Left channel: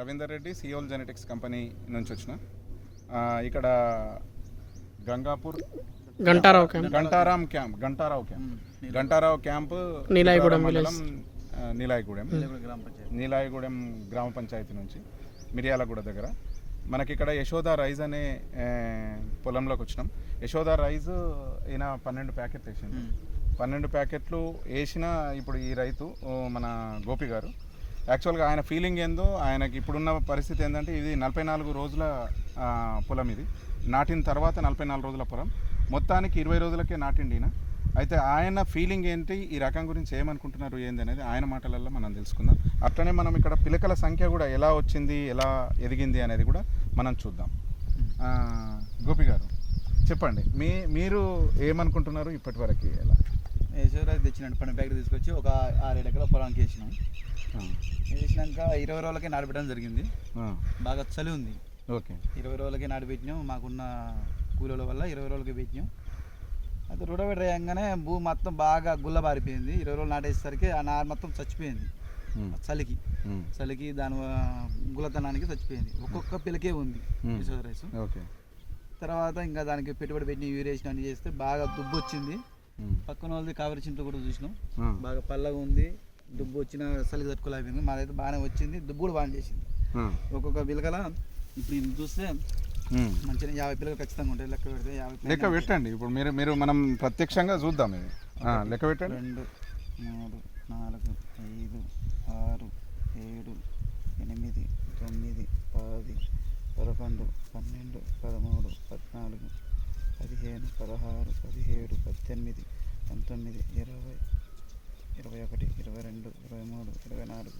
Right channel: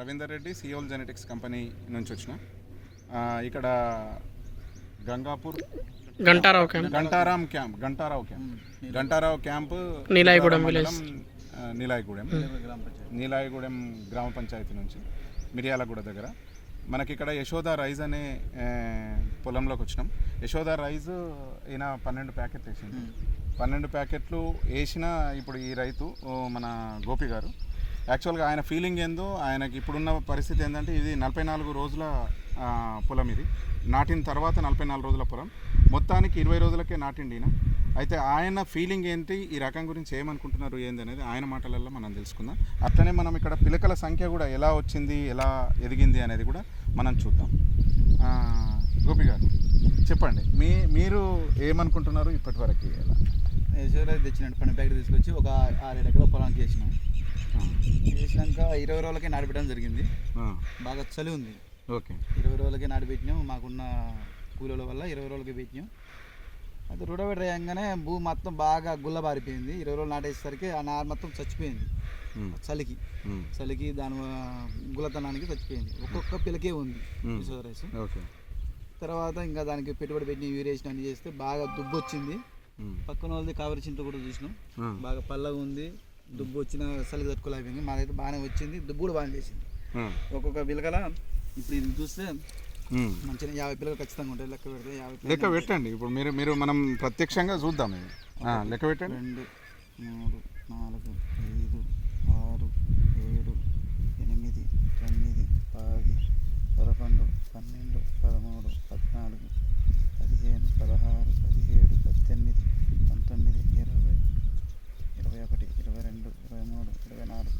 Ravinder Reddy Seoul genetics company నుంచి వచ్చిన. ఆ, ఇక్కడ Gangapur Gantarao camp. Gantaram camp Gantarao camp. Gantarao camp Neelaigudem Neelaigudem. Neelaigudem గ్రామ పంచాయతీ. నుంచి మిర్యాలగూడ దగ్గర. మనకి ఇక్కడ యశోద రైస్ అనే పొలంలోకి వచ్చినాం. యశోద రైస్ ఈయన పన్నెండు ప్యాకెట్లు వేసిండు పన్నెండు ప్యాకెట్లు వేసిన ఇప్పుడు ఈ రైతు మన గోపి గారు. యాక్చువల్గా ఆయన ఫీలింగ్ ఏందో ఆయనకి ఇప్పుడున్న పరిస్థితి ఏంటంటే ఇది నలభై నాలుగు రోజుల పొలం ఇది. నాటిన తర్వాత నలభై నాలుగు రోజుల పొలం. మొత్తానికి ఇరవై రోజులకే నాటిండి ఈయన. అయితే ఆయన ఫీలింగ్ ఏంటి ఈ రకం గురించి ఏమనుకుంటున్నారు ఏంది అనేది ఆయన మాటలలో మనం తెలుసుకుందాం. అట్లనే మనం ఇక్కడ పిలకల సంఖ్య కూడా ఎలా వచ్చింది ఎలా ఎదిగింది అనేది కూడా మనం చూద్దాం. గోపి గారు చెప్పండి. మీ మీరు ఏమనుకుంటున్నారు ఇప్పటి వరకు ఎలా యశ్వరాజ్ తెచ్చినట్టు పని ప్యాకెట్ తీసుకొచ్చి ఒక ఆరేడు ఎకరాల పొలానికి వేసినాం వేసినాక ఇరవై రోజులకే నాటిపెట్టడం జరిగింది. బాగా చలి ఉంది. ఓకే. ఇరవై రోజులకే నాటిపెట్టినాం మాకున్న కూలీల వల్ల ఇరవై రోజులకి పెట్టినాం. అయితే రూడబెట్ వేయంగానే భూమి మొత్తం బాగా గుల్ల బారిపోయింది ఇరవై రోజులు నాటేసరికి ఆ నారు మొత్తం చచ్చిపోయింది. చలికి. చలికి దాని గుల్లతనానికి చచ్చిపోయింది. ఒక్కొక్క పిలకే ఉంది రైస్. ఓకే. తర్వాత ఇంకా దానికి పెట్టుబడి పెట్టి యూరేషన్ అన్ని చేస్తే బాగా దుబ్బు వచ్చింది పక్కన వాళ్ళది కావరి చింత కూడా చూసినాం. బాగా పల్లగా ఉంది దుబ్బు వచ్చిన చలి తట్టుకోలేకపోయింది. మాదైతే బాగానే వచ్చింది దుబ్బు కూడా బాగానే చేసింది. ఒక్కొక్క పిలకల ఇప్పుడు ఇది చూస్తే. మంచిగా యాభై పిల్లలు ఖచ్చితంగా ఉంటాయి. లెక్క పెడితే యాభై లెక్క పెట్టండి. ఇప్పుడు మీరు మీరు మనం ప్రత్యక్షంగా చూద్దాం ఇది. ఆ, లెక్క పెట్టండి. రెండు మూడు నాలుగు ఐదు ఆరు ఏడు ఎనిమిది తొమ్మిది పది పదకొండు పన్నెండు పదమూడు పద్నాలుగు పదిహేను పదహారు పదిహేడు పద్దెనిమిది పంతొమ్మిది ఇరవై ఇరవై ఒకటి ఇరవై రెండు ఇరవై మూడు ఇరవై నాలుగు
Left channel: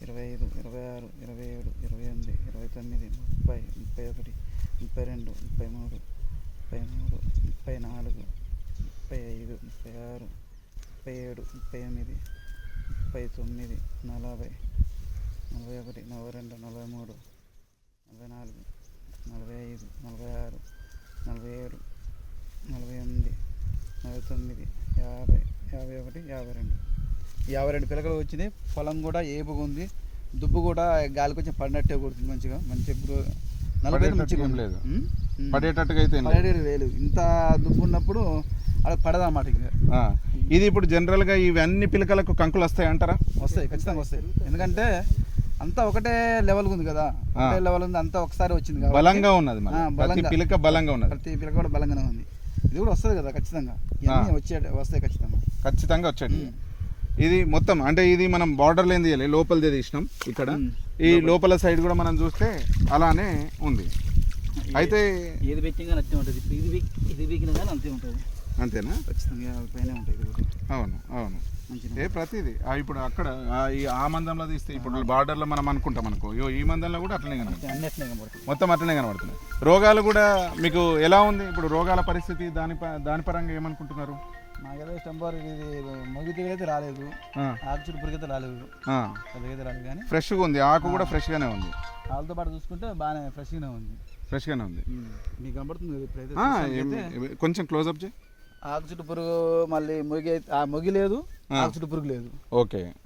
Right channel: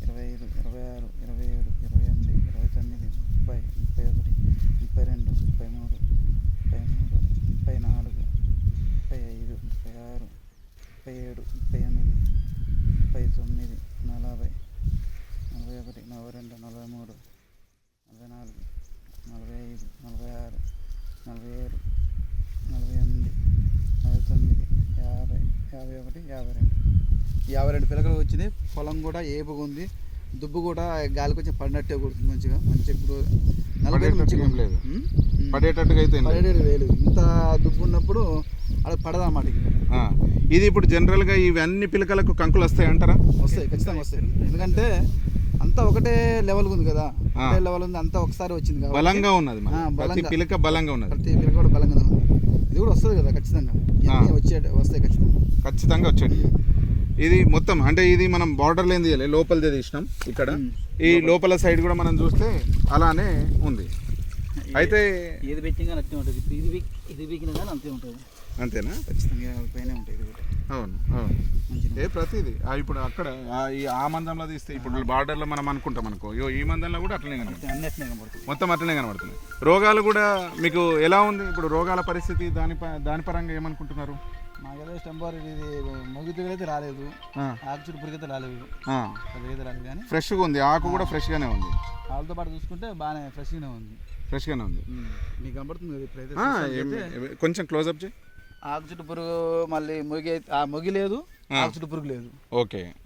ఇరవై ఐదు ఇరవై ఆరు ఇరవై ఏడు ఇరవై ఎనిమిది ఇరవై తొమ్మిది ముప్పై ముప్పై ఒకటి ముప్పై రెండు ముప్పై మూడు ముప్పై మూడు ముప్పై నాలుగు ముప్పై ఐదు ముప్పై ఆరు ముప్పై ఏడు ముప్పై ఎనిమిది ముప్పై తొమ్మిది నలభై నలభై ఒకటి నలభై రెండు నలభై మూడు నలభై నాలుగు నలభై ఐదు నలభై ఆరు నలభై ఏడు తొమ్మిది యాభై యాభై ఒకటి యాభై రెండు. యాభై రెండు పిలకలు వచ్చినాయి పొలం కూడా ఏపుగా ఉంది. దుబ్బు కూడా గాలి కొంచెం పడినట్టే కొడుతుంది మంచిగా. మంచిగా ఇప్పుడు నలభై మంచిగా పడేటట్టు. లేదు. పడేటట్టుగా అయితే. పదిహేడు వేలు ఇంత దుబ్బు ఉన్నప్పుడు అలా పడదన్నమాట ఇక? ఆ, ఇది ఇప్పుడు జనరల్గా ఇవి అన్ని పిలకలకు కంకులు వస్తాయి అంటారా వస్తాయి ఖచ్చితంగా వస్తాయి. ఎందుకంటే అంతా ఒకటే లెవెల్ ఉంది కదా. ఒకటే లెవెల్ ఉంది అంతా ఒకసారి వచ్చింది బలంగా ఉన్నది ప్రతి బలంగా. పిలక బలంగా ఉన్నది. ప్రతి పిల్లక కూడా బలంగానే ఉంది. ఇది కూడా వస్తుంది కదా ఖచ్చితంగా. వచ్చే వస్తాయి ఖచ్చితంగా. ఖచ్చితంగా వచ్చేది ఇది మొత్తం అంటే ఇది మనం బార్డర్ లేని తీయాలి. లోపలిదే తీసినాం ఇక్కడ. ఈ లోపల. సైడ్ కూడా మనం చూస్తే అలానే ఉంది. అయితే ఏది పెట్టినా కానీ అంతే ఉంటుంది. ఇది ఇది వీకినా కానీ అంతే ఉంటుంది. అంతేనా? ఖచ్చితంగా పైన ఉంటాయి అవును అవును. ఏ ప్రతిది? ఇప్పుడు అక్కడ ఆ మందంలో తీస్తే ఇప్పుడు బార్డర్లో మనం అనుకుంటాం అనుకో. ఈ మందంలో కూడా అట్లనే కనబడుతుంది. మొత్తం అట్లనే కనబడుతుంది. రోగాలు కూడా మీకు ఎలా ఉంది? ఇప్పుడు రోగాల పరిస్థితి దాని దాని పరంగా ఏమనుకుంటున్నారు? మాకైతే స్టంబార్ ఇది మొగితే అయితే రాలేదు. ఆ, ఆకుచుడు పురికైతే రాలేదు. అయితే రాలేదు కానీ. ఫ్రెష్గా ఉంది. ఆకు కూడా ఫ్రెష్గానే ఉంది. వాళ్ళతో పాటు చూసుకుంటే బాగానే ఫ్రెష్గానే ఉంది. ఫ్రెష్గానే ఉంది. మీకు కనబడుతుంది కొంచెం క్లోజప్ చేయి. ఆకు చుట్టు పురుగు మళ్ళీ మొగి ఆ మొగి లేదు ఆకు చుట్టు పురుగు లేదు. ఓకే.